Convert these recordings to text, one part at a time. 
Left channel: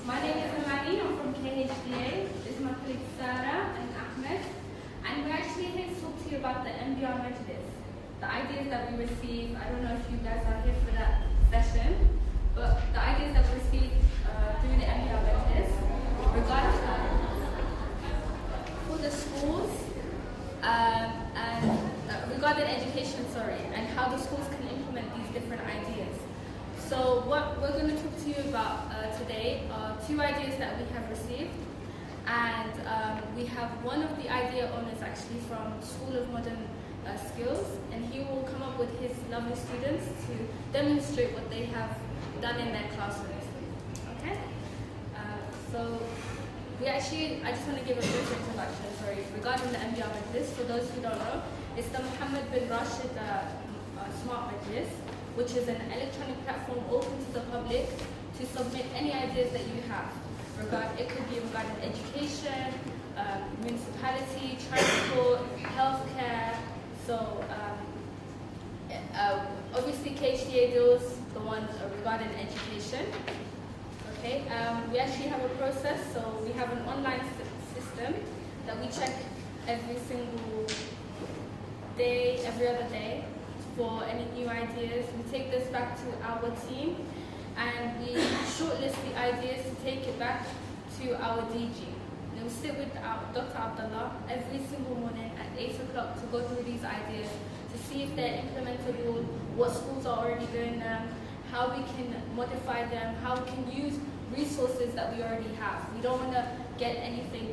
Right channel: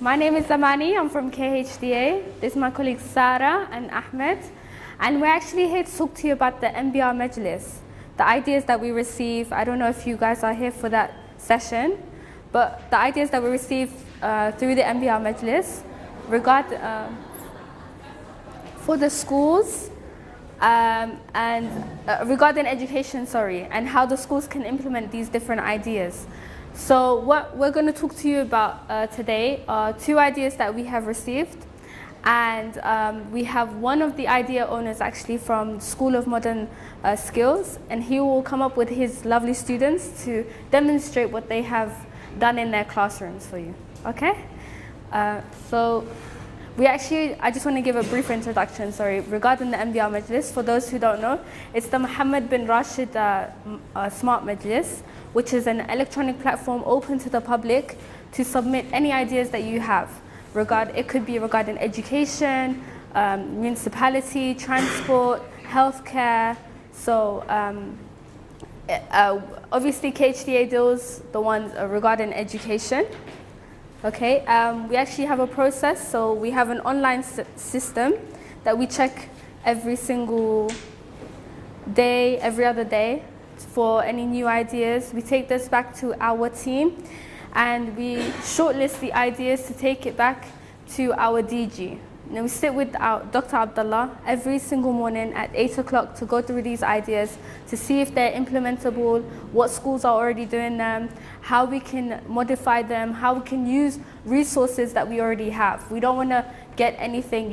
My name is Zamani. I'm from KHDA. This is my colleagues Sarah and Ahmed. And we're actually here to talk to you about the MBR Majlis. The ideas that we receive, I don't know if you guys are here for that session, but the ideas that we receive through the MBR Majlis for the schools and regarding education, and how the schools can implement these different ideas. So what we're going to talk to you about today are two ideas that we have received, and we have one of the idea owners actually from School of Modern Skills, and he will come up with his lovely students to demonstrate what they have done in their classrooms for you. Okay? So I just want to give a brief introduction, regarding the MBR Majlis. For those who don't know, it's the Mohammed bin Rashid Smart Majlis, which is an electronic platform open to the public to submit any ideas that you have. It could be regarding education, municipality, transport, healthcare. So obviously KHDA deals the ones regarding education. Okay, we actually have a process, so we have an online system that we check every single day, every other day for any new ideas. We take this back to our team and we shortlist the ideas to take it back to our DG. And we sit with Dr. Abdullah every single morning at 8 o'clock to go through these ideas to see if they're implementable, what schools are already doing them, how we can modify them, how we can use resources that we already have. We don't want to get anything,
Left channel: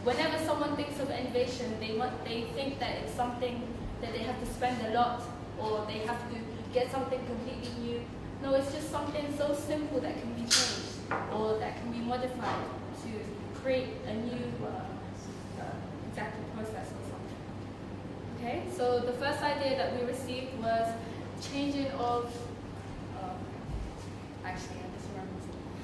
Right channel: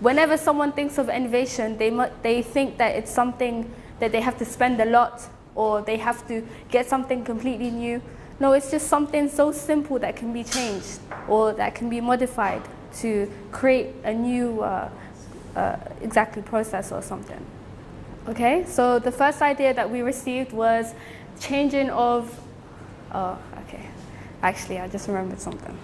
whenever someone thinks of innovation, they think that it's something that they have to spend a lot or they have to get something completely new. No, it's just something so simple that can be changed or that can be modified to create a new process or something. Okay, so the first idea that we received was changing of, actually I just remembered something.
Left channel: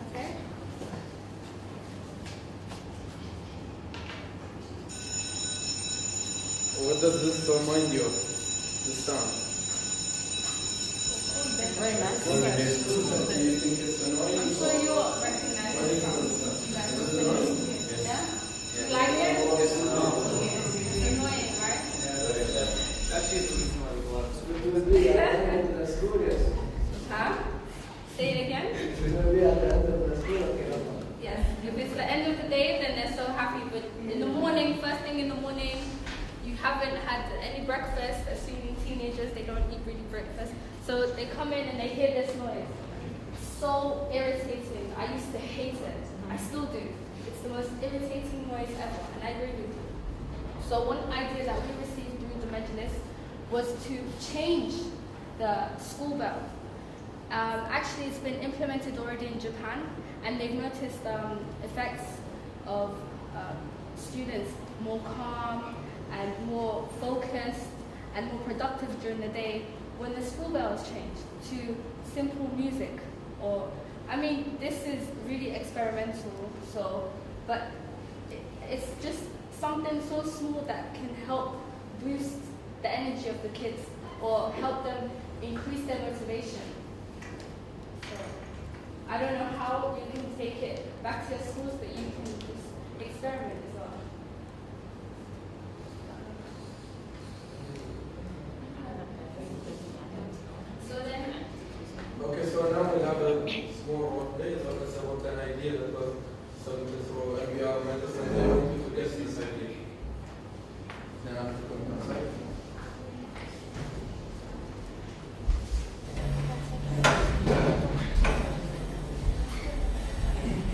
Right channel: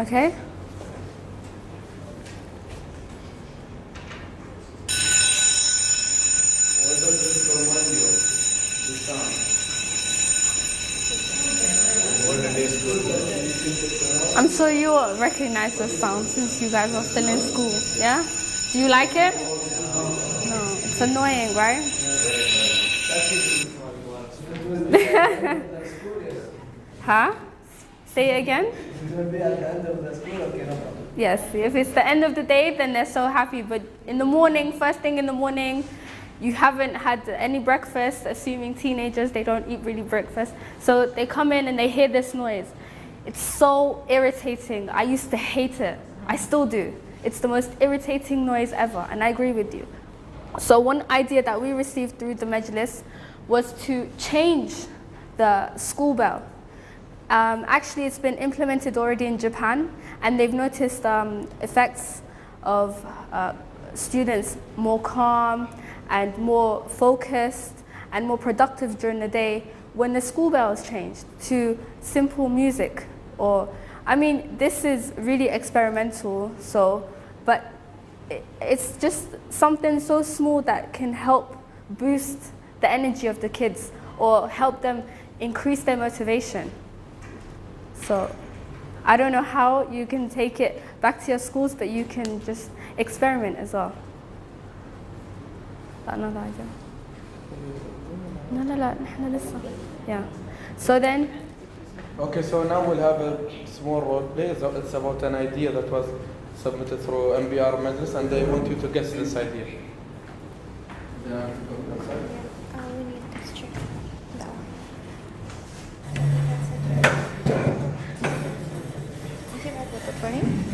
Okay. What does this remind you of? This sound? I'm sure you will recognize this sound since you guys are still in school, yeah? Do you like it? No. It's annoying, right? Huh? Say it again? Yes, if it's the end of the day, then they're so happy. But in the morning, first thing in the morning, you haven't had any breakfast, assuming teenagers, they don't eat really breakfast. So they come in and they hear this noise. It's so irritating. I used to hate it. I still do. It's the most irritating noise ever, and I agree with you. So one idea that we received through the Majlis was to change the school bell. Actually, it's been implemented already in Japan, and they've noticed effects of students more calm and more focused and more productive during the day when the school bell is changed to simple music. This is really experimental, but it's just something so small that can help boost the energy of the kids or help them increase their motivation. So I don't know how you can take it back to your schools, but you can just experiment as well. Another idea. No, yeah. So then. Okay, so now we'll have a small role play. It's about an idea that was submitted through MBR Majlis, and I want you to guess this idea.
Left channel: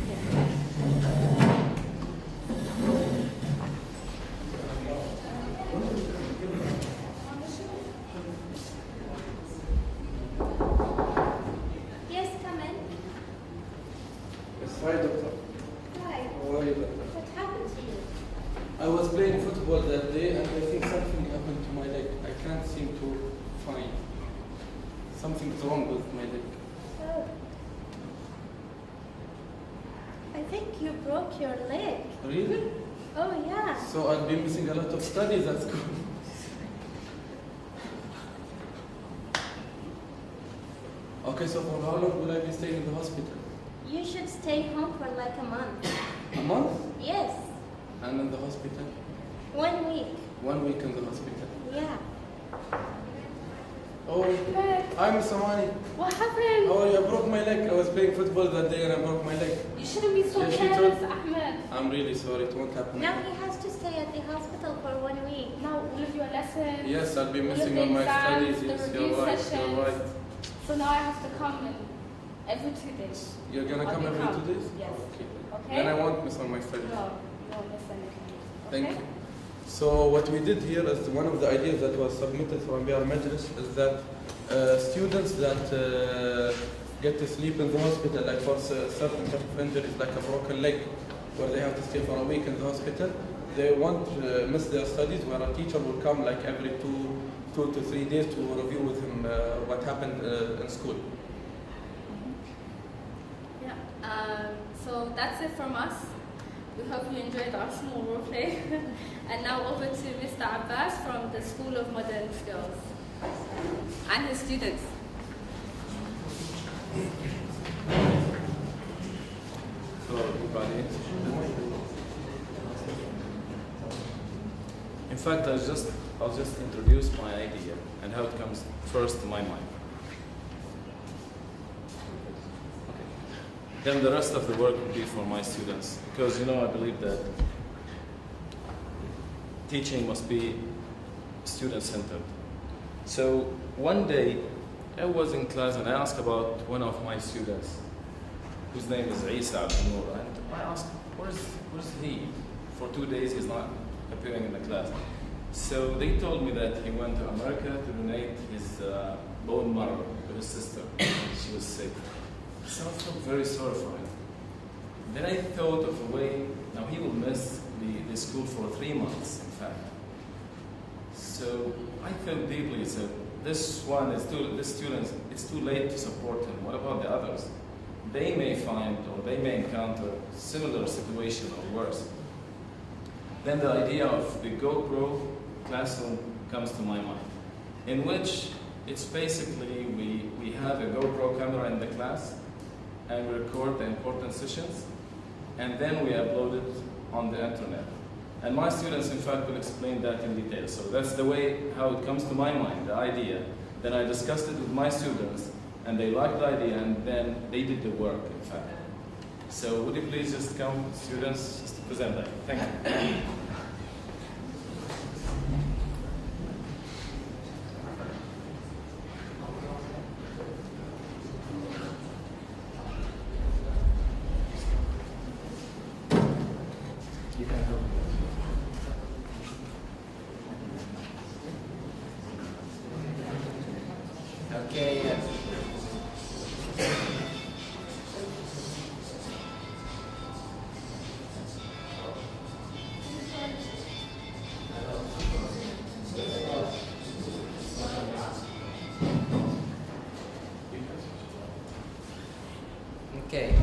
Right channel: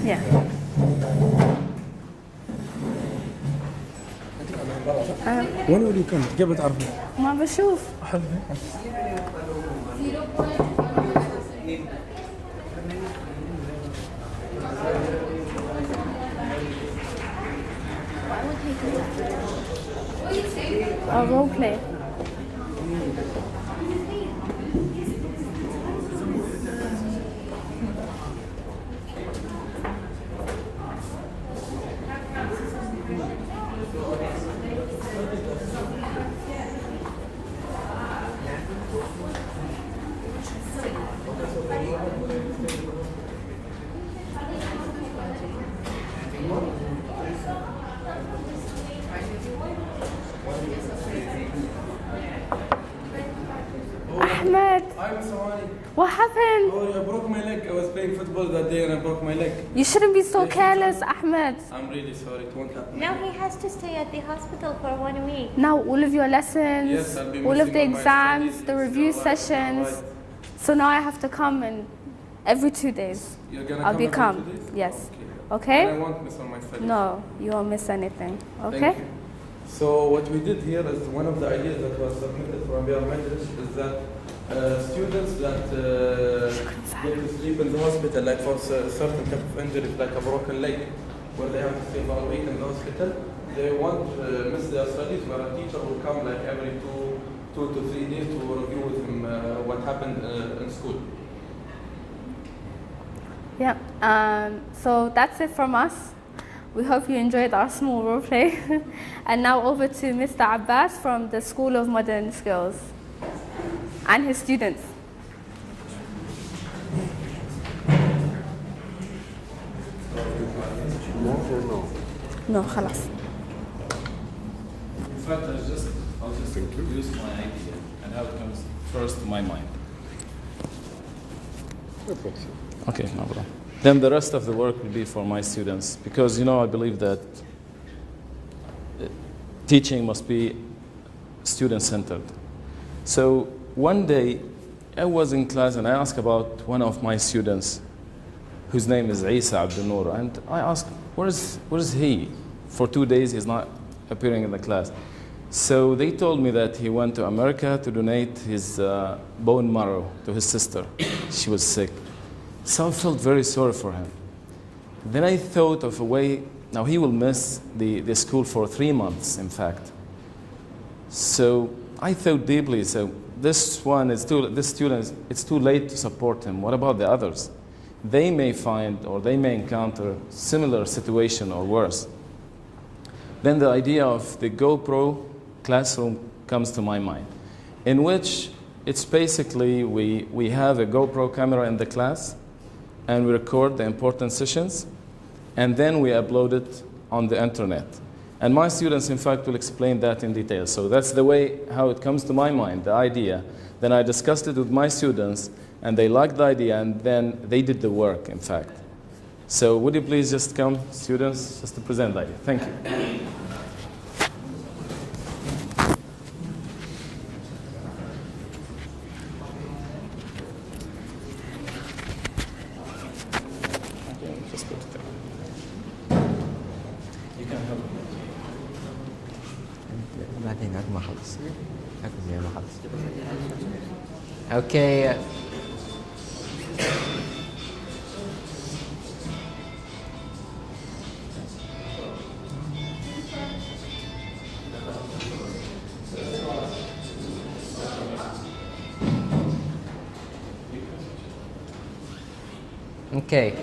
Yeah. وين كنت؟ قبل تعرفني؟ ما بشوف. A role play. So I'll be missing a lot of studies. Okay, so for how long will I be staying in the hospital? You should stay home for like a month. A month? Yes, I'm in the hospital. 1 week. 1 week. Yeah. Oh, Ahmed, I'm Somali. what happened? Oh, I broke my leg. I was playing football that day and I broke my leg. You shouldn't be so Yes, careless, you Ahmed. I'm really sorry. It won't happen. Now he has to stay at the hospital for 1 week. Now all of your lessons, Yes, I'll be all of missing the all my exams, studies. the Yes, review you're right, you're sessions. right. So now I have to come and every 2 days. You're gonna I'll come be every calm. 2 days? Yes. Okay. Okay? And I won't miss all my studies. No, you won't miss anything. Thank Okay? you. So what we did here is one of the ideas that was submitted from MBR Majlis is that students that get to sleep in the hospital, like for certain type of injuries, like a broken leg, where they have to stay for a week in the hospital, they won't miss their studies, where a teacher will come like every two to 3 days to review with him what happened in school. Yeah. So that's it from us. We hope you enjoyed our small role play. And now over to Mr. Abbas from the School of Modern Skills and his students. No, خلاص. In fact, I'll just introduce my idea and how it comes first to my mind. Okay, no problem. Then the rest of the work will be for my students because, you know, I believe that teaching must be student-centered. So one day I was in class and I asked about one of my students whose name is Isa Abdul Noor, and I asked, where is he? For 2 days he's not appearing in the class. So they told me that he went to America to donate his bone marrow to his sister. She was sick. So I felt very sorry for him. Then I thought of a way, now he will miss the school for 3 months, in fact. So I thought deeply, so this student, it's too late to support him. What about the others? They may find or they may encounter similar situation or worse. Then the idea of the GoPro classroom comes to my mind, in which it's basically we have a GoPro camera in the class and we record the important sessions and then we upload it on the internet. And my students, in fact, will explain that in detail. So that's the way how it comes to my mind, the idea. Then I discussed it with my students and they liked the idea and then they did the work, in fact. So would you please just come, students, just to present the idea. Thank you. Okay. Okay.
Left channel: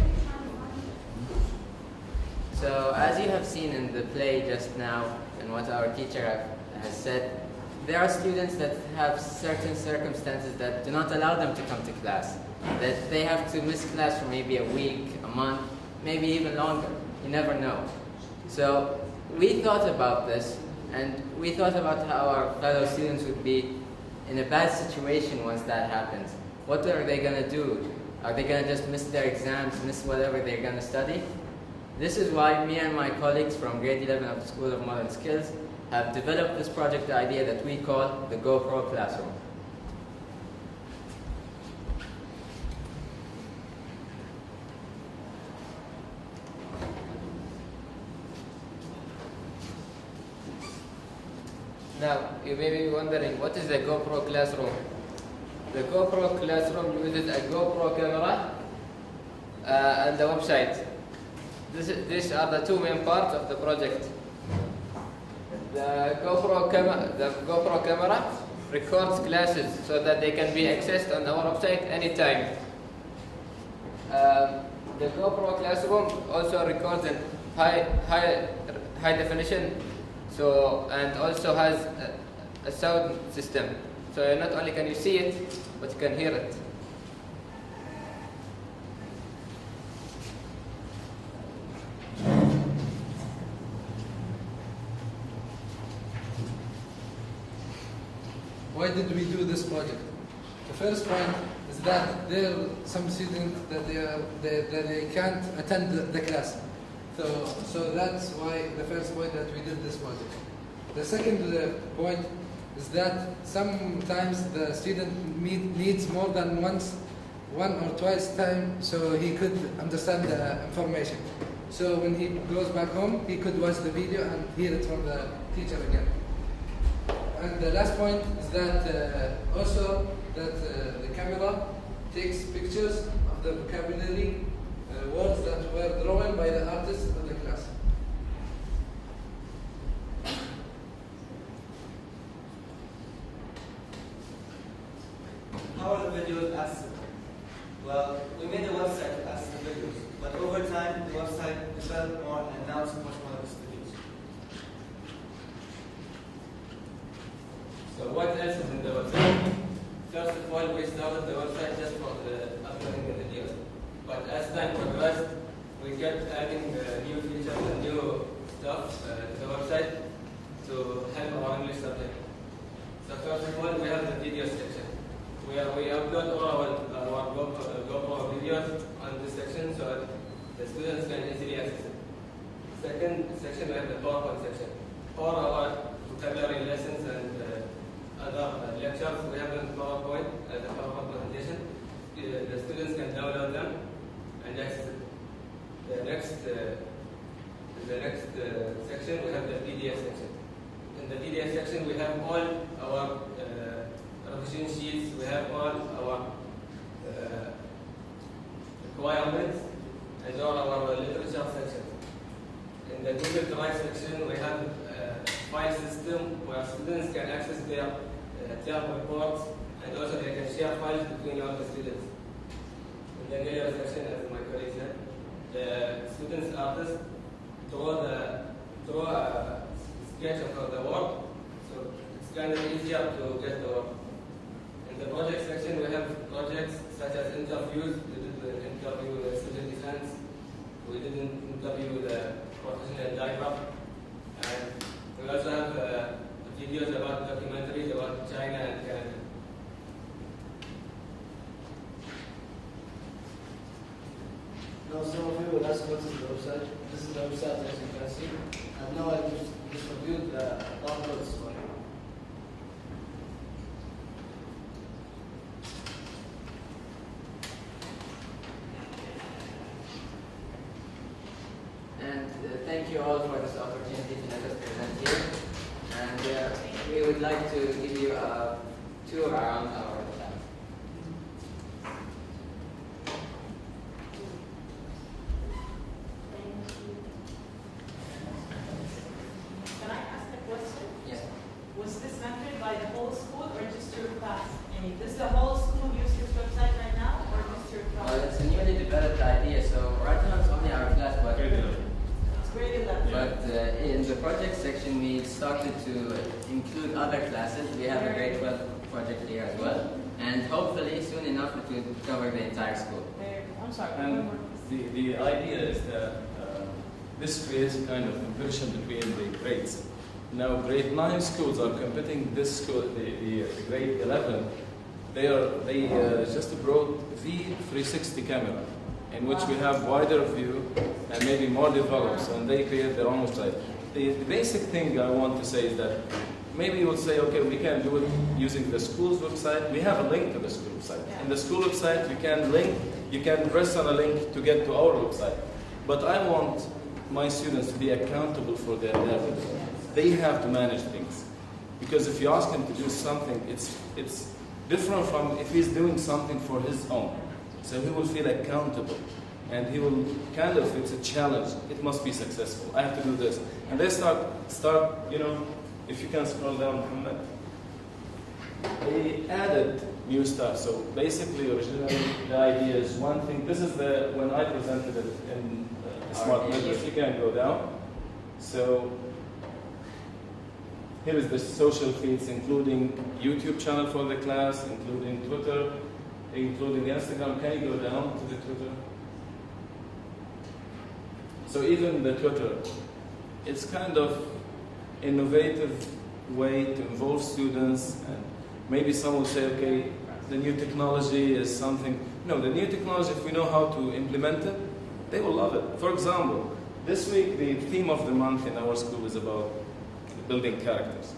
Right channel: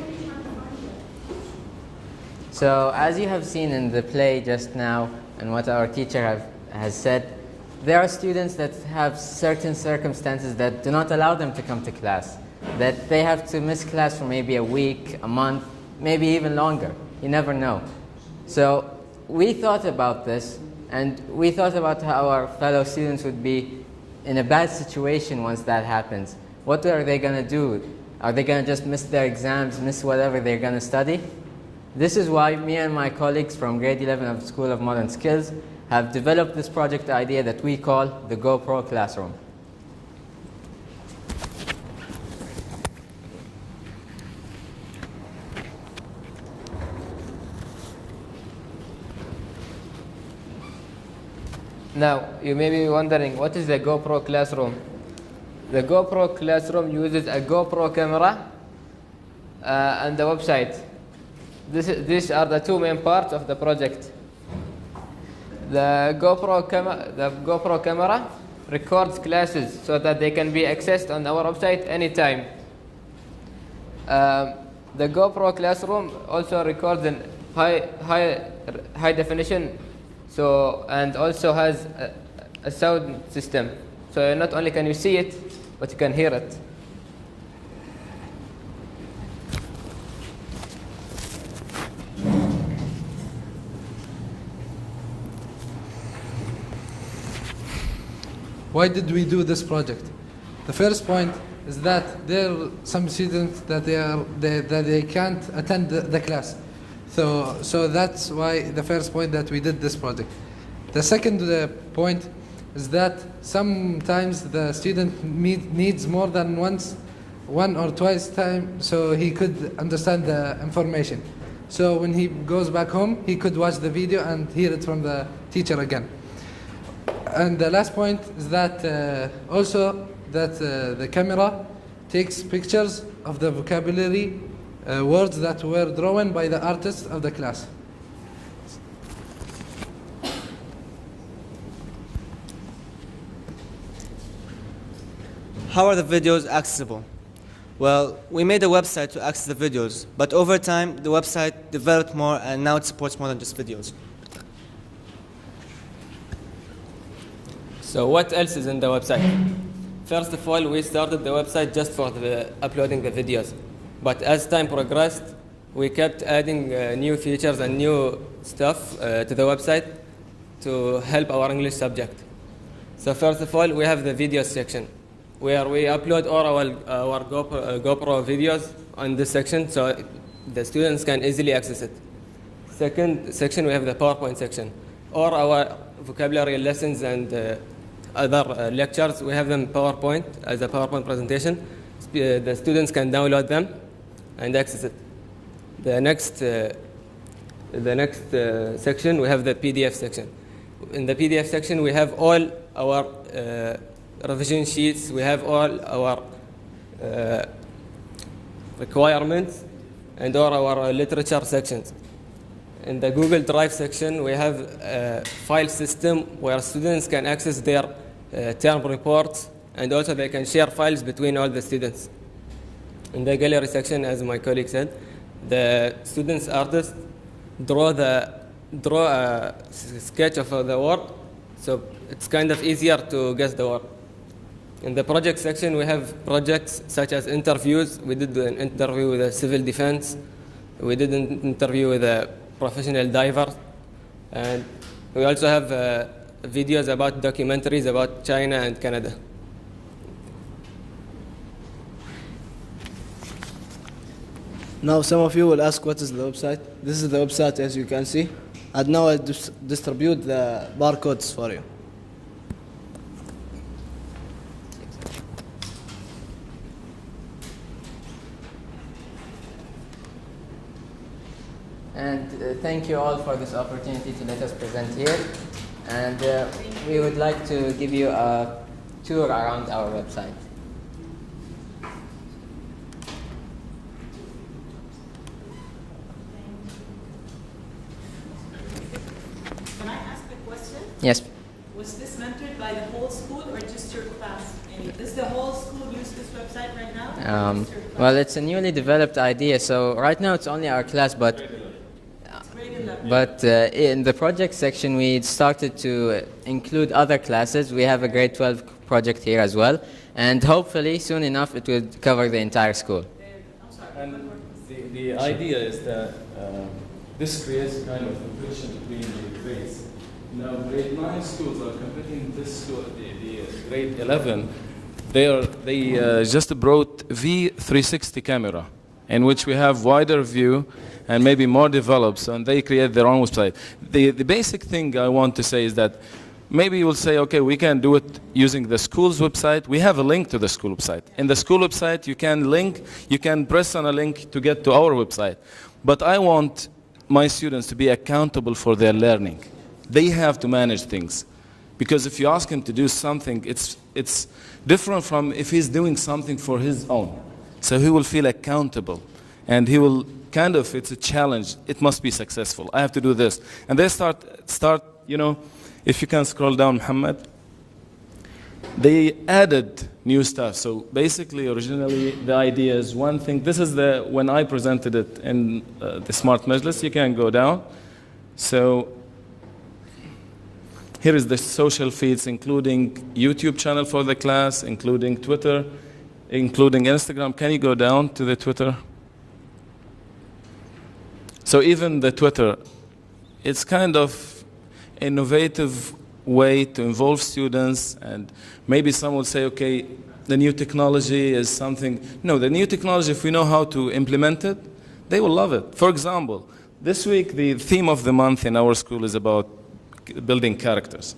So as you have seen in the play just now and what our teacher has said, there are students that have certain circumstances that do not allow them to come to class, that they have to miss class for maybe a week, a month, maybe even longer. You never know. So we thought about this, and we thought about how our fellow students would be in a bad situation once that happens. What are they going to do? Are they going to just miss their exams, miss whatever they're going to study? This is why me and my colleagues from grade 11 of the School of Modern Skills have developed this project idea that we call the GoPro Classroom. Now, you may be wondering, what is the GoPro Classroom? The GoPro Classroom uses a GoPro camera and a website. These are the two main parts of the project. The GoPro camera records classes so that they can be accessed on our website anytime. The GoPro classroom also records in high definition, and also has a sound system. So not only can you see it, but you can hear it. Why did we do this project? The first point is that there are some students that they can't attend the class. So that's why the first point that we did this project. The second point is that sometimes the student needs more than one or twice time so he could understand the information. So when he goes back home, he could watch the video and hear it from the teacher again. And the last point is that also that the camera takes pictures of the vocabulary words that were drawn by the artists of the class. How are the videos accessible? Well, we made a website to access the videos, but over time the website developed more and now it supports more than just videos. So what else is in the website? First of all, we started the website just for uploading the videos. But as time progressed, we kept adding new features and new stuff to the website to help our English subject. So first of all, we have the video section, where we upload all our GoPro videos on this section so the students can easily access it. Second section, we have the PowerPoint section. All our vocabulary lessons and other lectures, we have them PowerPoint as a PowerPoint presentation. The students can download them and access it. The next section, we have the PDF section. In the PDF section, we have all our revision sheets, we have all our requirements, and all our literature sections. In the Google Drive section, we have a file system where students can access their term reports, and also they can share files between all the students. In the gallery section, as my colleague said, the students artists draw a sketch of the work, so it's kind of easier to guess the work. In the project section, we have projects such as interviews. We did an interview with a civil defense. We did an interview with a professional diver. And we also have videos about documentaries about China and Canada. Now some of you will ask what is the website. This is the website as you can see. And now I'll distribute the barcodes for you. And thank you all for this opportunity to let us present here. And we would like to give you a tour around our website. Can I ask a question? Yes. Was this mentored by the whole school or just your class? And does the whole school use this website right now? Well, it's a newly developed idea, so right now it's only our class, but in the project section we started to include other classes. We have a grade 12 project here as well, and hopefully soon enough it will cover the entire school. I'm sorry. And the idea is that this creates a kind of competition between the grades. Now, grade 9 schools are competing this school, the grade 11. They just brought V360 camera, in which we have wider view and maybe more developed, and they create their own website. The basic thing I want to say is that maybe you will say, okay, we can do it using the school's website. We have a link to the school website. In the school website, you can press on a link to get to our website. But I want my students to be accountable for their learning. They have to manage things. Because if you ask him to do something, it's different from if he's doing something for his own. So he will feel accountable. And he will it's a challenge. It must be successful. I have to do this. And they start If you can scroll down, Mohammed. They added new stuff. So basically, originally, the idea is one thing. This is when I presented it in the Smart Majlis. You can go down. So here is the social feeds, including YouTube channel for the class, including Twitter, including Instagram. Can you go down to the Twitter? So even the Twitter, it's kind of innovative way to involve students, and maybe some will say, okay, the new technology is something. No, the new technology, if we know how to implement it, they will love it. For example, this week the theme of the month in our school is about building characters.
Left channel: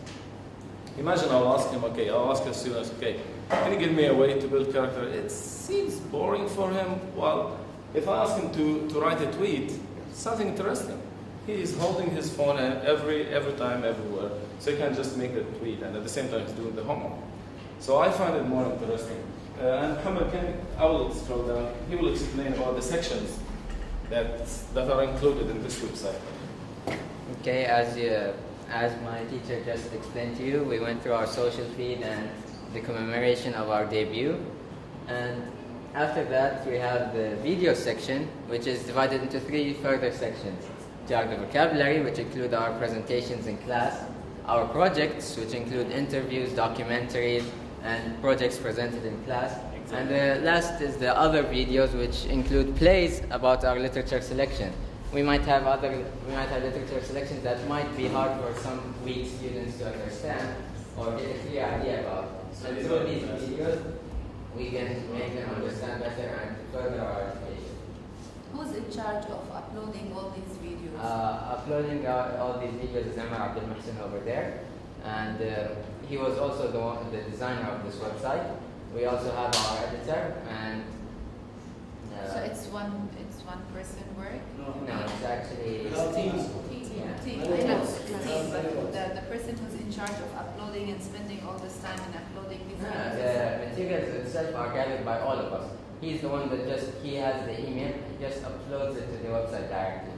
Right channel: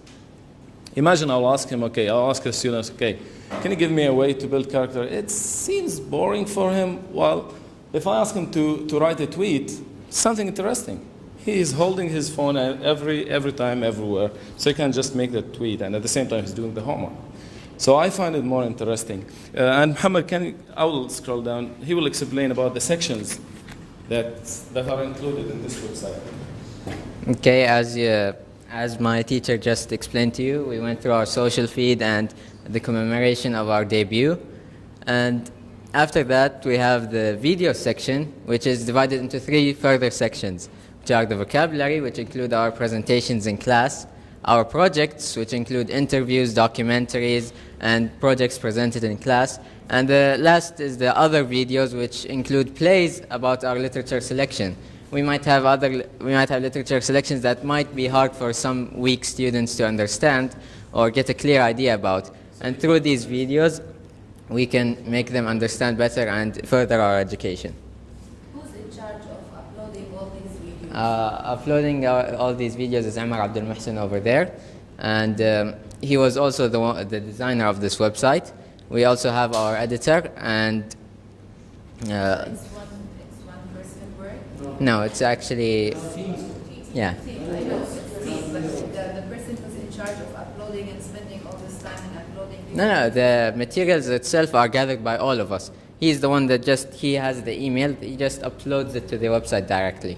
Imagine I'll ask him, okay, I'll ask the students, okay, can you give me a way to build character? It seems boring for him. Well, if I ask him to write a tweet, something interesting. He is holding his phone every time, everywhere, so he can just make the tweet, and at the same time he's doing the homework. So I find it more interesting. And Mohammed, I will scroll down. He will explain about the sections that are included in this website. Okay, as my teacher just explained to you, we went through our social feed and the commemoration of our debut. And after that, we have the video section, which is divided into 3 further sections, which are the vocabulary, which include our presentations in class, our projects, which include interviews, documentaries, and projects presented in class. And the last is the other videos, which include plays about our literature selection. We might have literature selections that might be hard for some weak students to understand or get a clear idea about. And through these videos, we can make them understand better and further our education. Who's in charge of uploading all these videos? Uploading all these videos is Umar Abdul Muhsin over there, and he was also the designer of this website. We also have our editor, and So it's one person work? no, it's actually yeah. I know it's team, but the person who's in charge of uploading and spending all this time and uploading videos. No, the materials itself are gathered by all of us. He's the one that he has the email, he just uploads it to the website directly.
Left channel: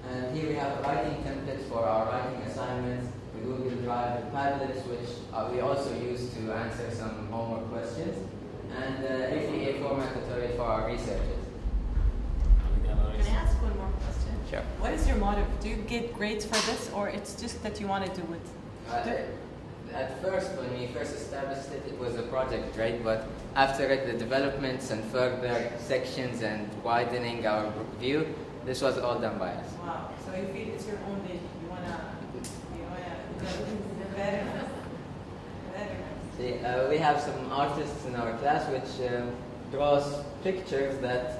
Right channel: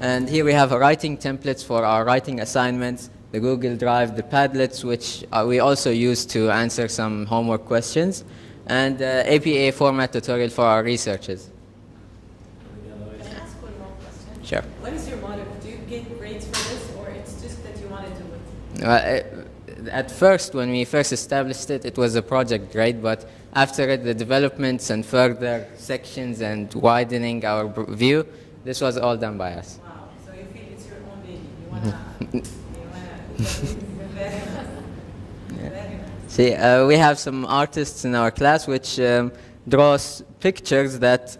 And here we have writing templates for our writing assignments, the Google Drive, the Padlets, which we also use to answer some homework questions, and APA format tutorial for our researchers. Can I ask one more question? Sure. What is your motive? Do you get grades for this, or it's just that you want to do it? At first, when we first established it, it was a project grade, but after it, the developments and further sections and widening our view, this was all done by us. Wow. So you feel it's your own baby. You wanna very nice. See, we have some artists in our class which draws pictures that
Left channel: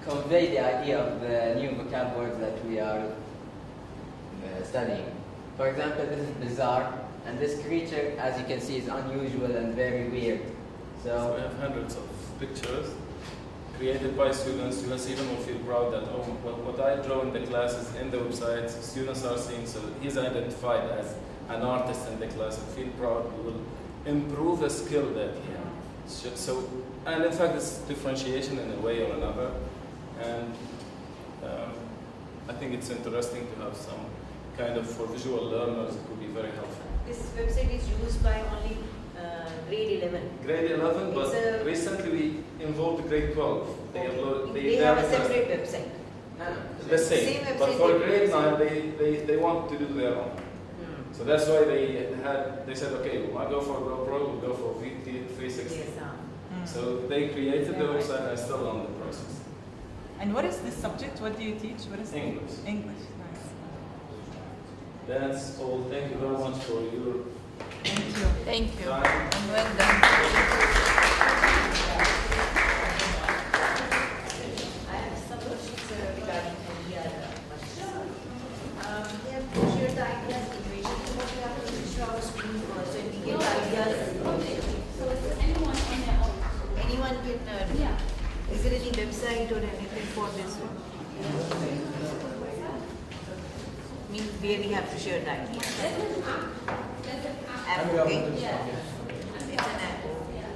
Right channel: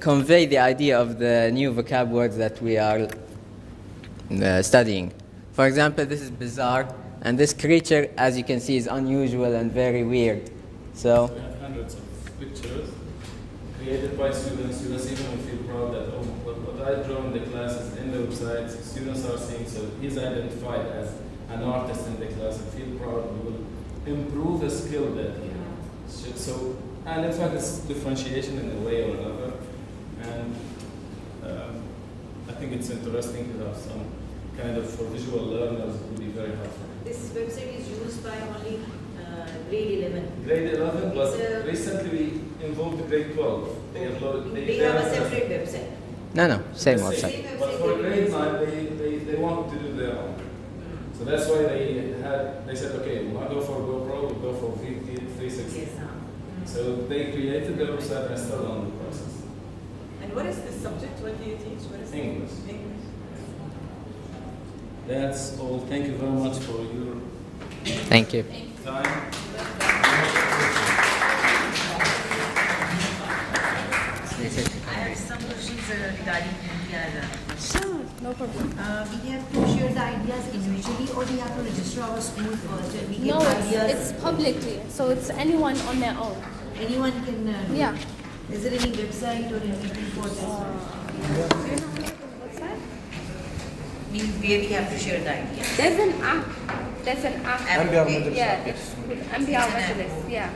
convey the idea of the new vocab words that we are studying. For example, this is bizarre, and this creature, as you can see, is unusual and very weird. So we have hundreds of pictures created by students. Students even will feel proud that, oh, what I draw in the class is in the website. Students are seeing, so he's identified as an artist in the class and feel proud. We will improve the skill that he has. So, and in fact, it's differentiation in a way or another. And I think it's interesting to have some kind of, for visual learners, it would be very helpful. This website is used by only grade 11. Grade 11, but recently we involved grade 12. They upload. They have a separate website. no, same The website. Same But website for they grade use. 9, they want to do their own. So that's why they said, okay, we'll not go for GoPro, we'll go for VT 360. Yes, So they created the website and still on the process. And what is this subject? What do you teach? What is English. English. That's all. Thank you very much for your Thank you. Thank you. time. Well done. I have some questions regarding MBR. Sure, no problem. We have to share the ideas individually, or we have to register our school first and we No, give ideas. it's publicly, so it's anyone on their own. Anyone can do Yeah. it. Is there any website or anything for this one? Means where we have to share the ideas. There's an app. There's an app. MBR Majlis. Yeah, MBR Majlis, yeah.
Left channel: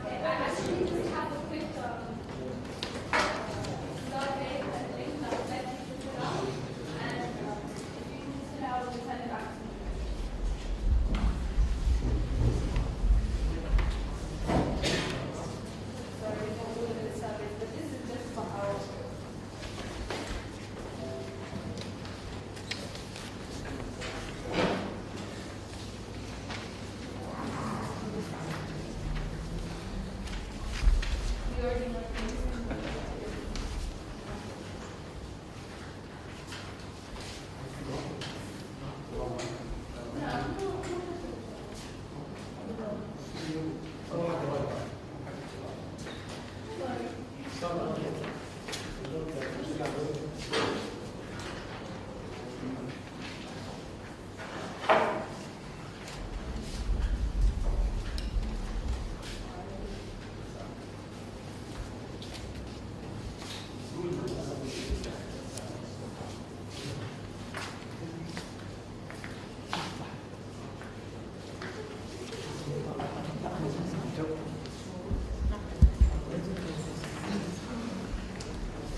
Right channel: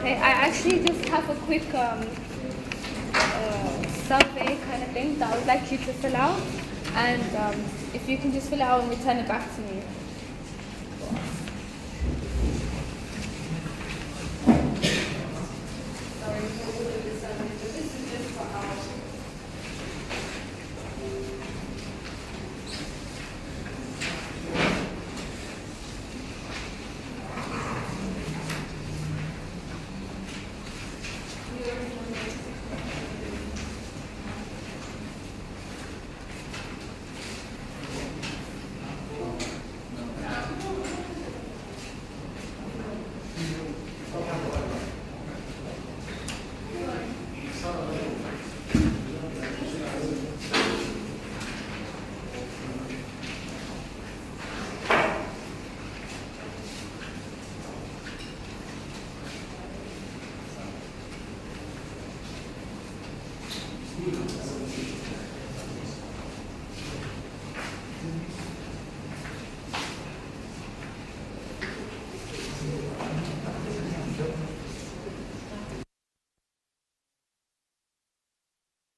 Okay, I actually just have a quick survey kind of thing. that I would like you to fill out, and if you can just fill it out and return it back to me.